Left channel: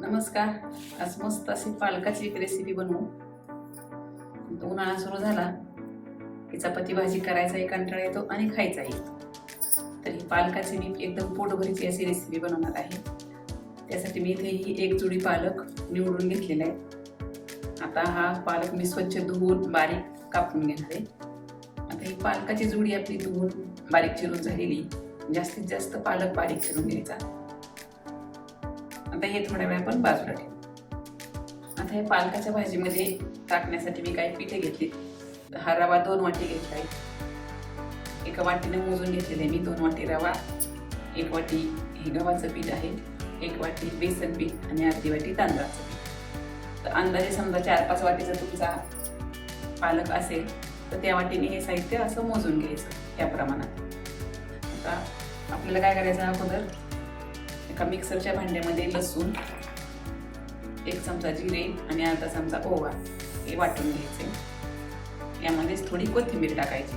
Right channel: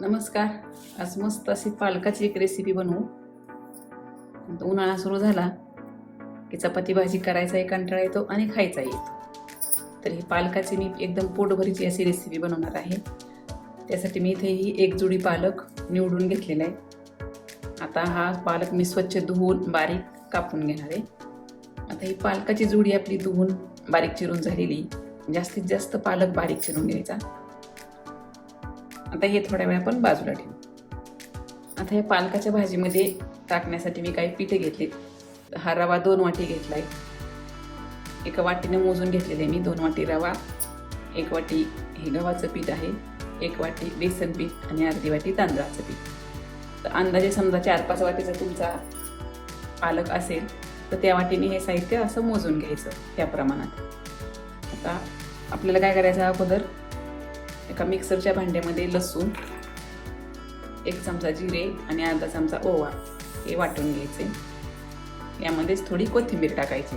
नमस्कार. आज मस्त अशी पालकाची एक रेसिपी बनवू. आता उन्हाळा सुरू झाला की चपाती भाजी करायचा एक कंटाळा येतो आणि खायचा येतो. तर ही पालकाची मी एकदम पोटभरीची अशी रेसिपी बनवणार आहे. त्यासाठी मी इथे ही एक जुडी पालक निवडून घेतलेला आहे. आता हा पालक मी स्वच्छ धुवून बारीक कापून घेणार आहे. आता ही पालकाची जुडी आपली धुवून बारीक चिरून झालेली. जास्तीत जास्त पालक बारीक चिरून घ्यायचा. आता हे थोड्या वेळ आपण बाजूला ठेवू. आता हे पालकाच्या भाजीमध्ये टाकण्यासाठी मी काही पिठे घेतले. हा रवा 2 वाटी घेतलाय. एका वाटीने मोजून घेतलेले मी 2 वाटी रवा, 1 वाटी हे गव्हाचं पीठ आहे, 1 वाटी बेसन पीठ आणि अर्धी वाटी तांदळाचं पीठ. तर अंदाजे समजा 4-5 वाटीचा तुमचा पालक असेल तर त्या वाटीने हे साहित्य असं मोजून घ्यायचं त्या प्रमाणात. आता आपल्याला काय करायचं, अगोदर एका मिक्सरच्या भांड्यामध्ये लसूण, 1 चमचा जिरे आणि अर्धा चमचा ओवा हे वाटून घ्यायचे. यामध्येच थोडी कोथिंबीर टाकायची.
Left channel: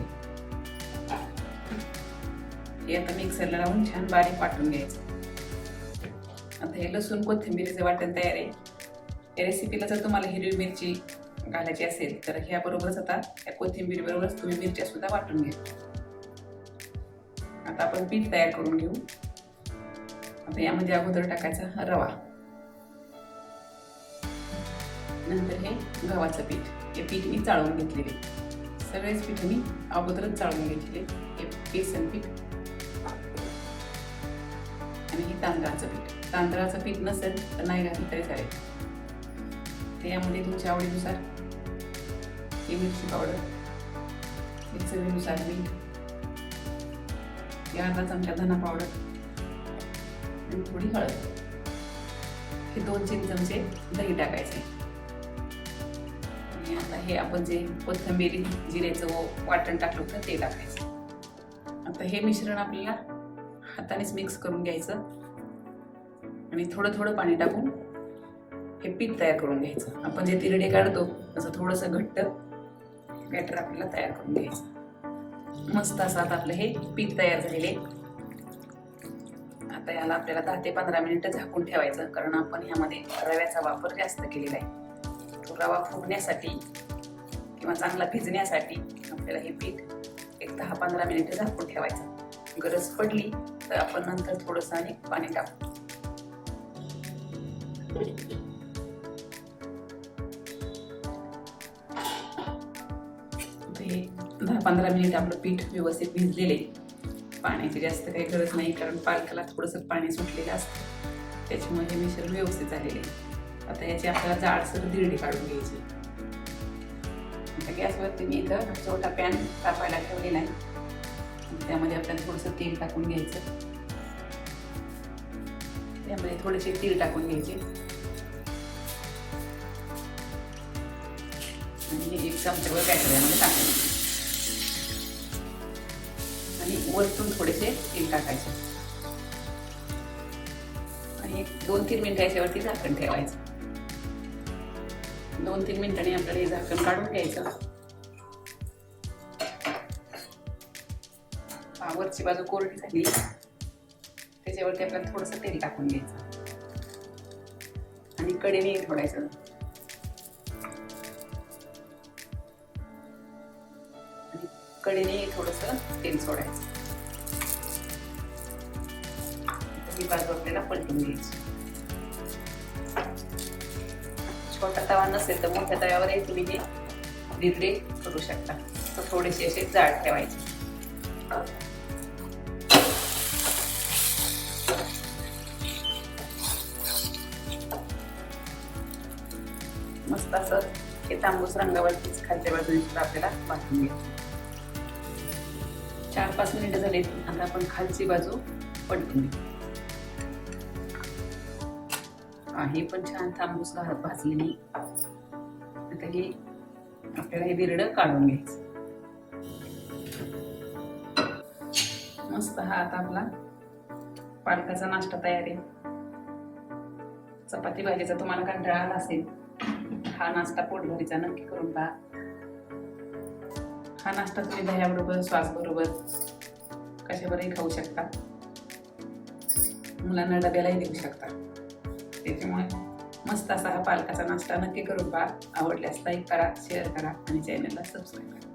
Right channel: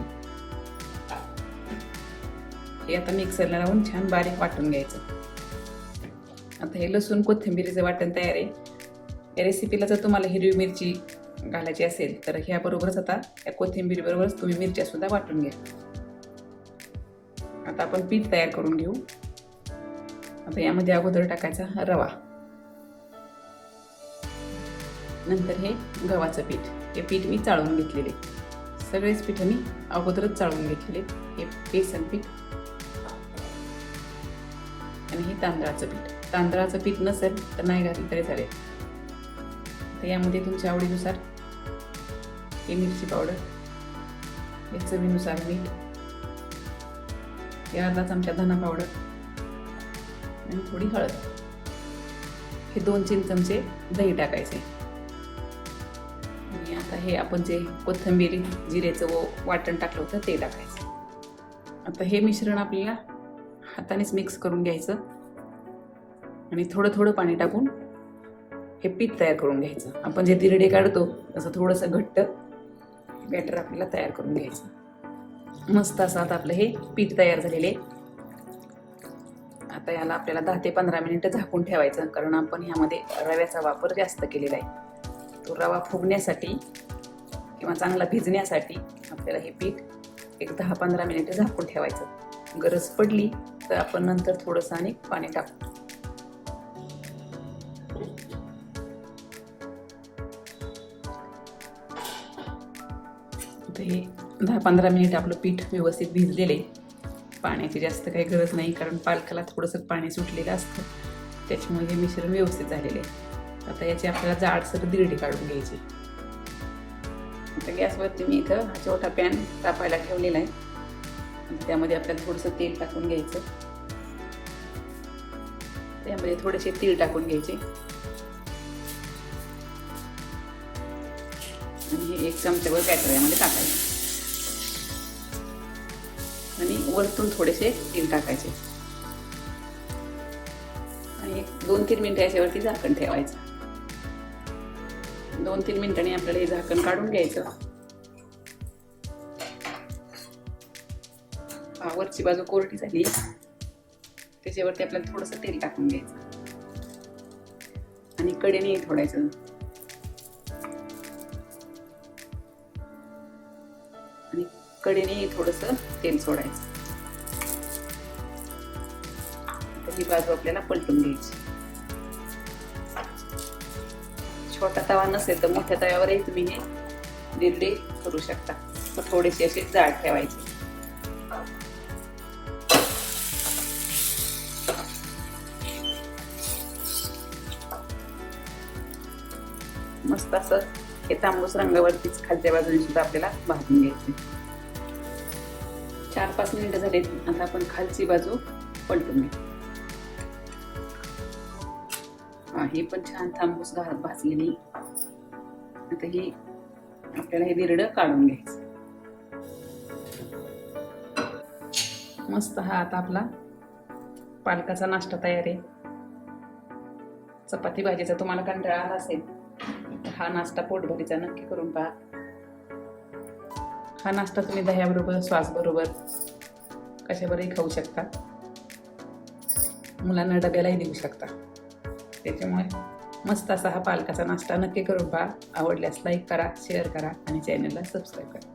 हे आता मिक्सरला लावून छान बारीक वाटून घ्यायचं. आता हे लसूण कोथिंबीरीचं वाटण तयार आहे. या रेसिपीला जर तुम्हाला हिरवी मिरची घालायची असेल तर ह्याबरोबरच आता या कोथिंबीर बरोबरच तुम्ही मिरच्या सुद्धा वाटून घ्या. आता आपण पीठ तयार करून घेऊ. आता यामध्ये अगोदर टाकायचा हा रवा, नंतर हे गव्हाचं पीठ. हे पीठ मी चाळून घेतलेले. सगळेच पीठ मी अगोदरच चाळून घेतलेले. हे बेसन पीठ आणि हे तांदळाचं पीठ. तांदळाचं पीठ नसेल तर नाही घातलं तरी चालेल. तर यामध्ये तुमच्या आवडीनुसार हे मिरची पावडर, हे चवीनुसार मीठ, हे अर्धा चमचा धना पावडर आणि थोडी हळद. हे 2-3 चमचे दही टाकायचे. आणि आता हे आपण जे कोथिंबीर जिरेचं वाटण टाकलं होतं ते टाकायचं. आता हे मिश्रण आपल्याला हातानेच मिक्स करून घ्यायचं आणि थोडं थोडं पाणी टाकून हे पीठ तयार करून घ्यायचं. आपण जे तिरडे काढतो असं थोडंसं घट्ट बॅटर आपल्याला तयार करून घ्यायचं. मस्त असं आता आपलं हे पीठ तयार झालेले. आता याला आपल्याला 10 ते 15 मिनिटं झाकून ठेवायचं, कारण आपण ह्यामध्ये रव्याचा वापर जास्त केलेला आहे. तो रवा फुगण्यासाठी किंवा चांगला भिजण्यासाठी आपल्याला हे पीठ एक 10-15 मिनिटं झाकून ठेवायचं. गरज पडली तर आपण नंतर थोडंसं आणि पाणी टाकू. हे 10-15 मिनिट आपलं पीठ व्यवस्थित भिजलेले. पाण्याची जास्त काही गरज नाही, कारण पालकाला थोडंसं पाणी सुटलेलं असतं, त्याच्यामुळे हे मिश्रण व्यवस्थित झालेले आहे. आता याची आपल्याला जाडसर दिरडी काढून घ्यायची. आता गॅसवरती मी इथं छोटा पॅन तापायला ठेवलेला आहे. त्यामध्ये आपल्याला थोडंसं तेल टाकून घ्यायचं. त्यामध्ये थोडेसे तीळ टाकून घ्यायचे आणि 1 चमचाभर कॅटरमध्ये टाकायचं आणि वरतून थोडेसे तेल टाकायचे आणि 2-3 मिनिटं याच्यावरती झाकण ठेवायचं. 2-3 मिनिटांनी आपल्याला हे झाकण काढून घ्यायचं. वरची बाजू कोरडी झाली, त्याच्यावरती आपल्याला थोडंसं तेल टाकून घ्यायचं आणि कढईने फोडायचं. आणि कढईने थोडंसं तेल सोडायचं. ही बाजू आपल्याला पलटून घ्यायची. छोटा तवा नसेल तर मोठ्या तव्यावरही तुम्ही हे दिरडे करू शकता. तर थोडेसे असे जाड ठेवायचे. मस्त असं हे तांबूस रंगावरतीच खालच्या बाजूने सुद्धा आपल्याला भाजून घ्यायची. 4-5 मिनिटं झाले. आता आपण खालची बाजू पलटून घेऊ. हे पण छान तांबूस भाजलेली. आता हे आपल्याला हे दिरडं काढून घ्यायचं. मस्त हा आता आपला पालकाचा नाश्ता तयार आहे. चपाती भाजीचा तुम्हाला कंटाळा आला असेल, हा नाश्ता पोटभरीचा नक्की करून पहा. हा नाश्ता तुम्ही दह्याबरोबर, सॉस बरोबर कशावरही खाऊ शकता. मुलांना डब्यालाही देऊ शकता. त्याच्यामुळे मस्त असा हा पालकाचा नाश्ता नक्की करून पहा. आवडल्यास लाईक करा, शेअर करा आणि चॅनलला सबस्क्राईब करा.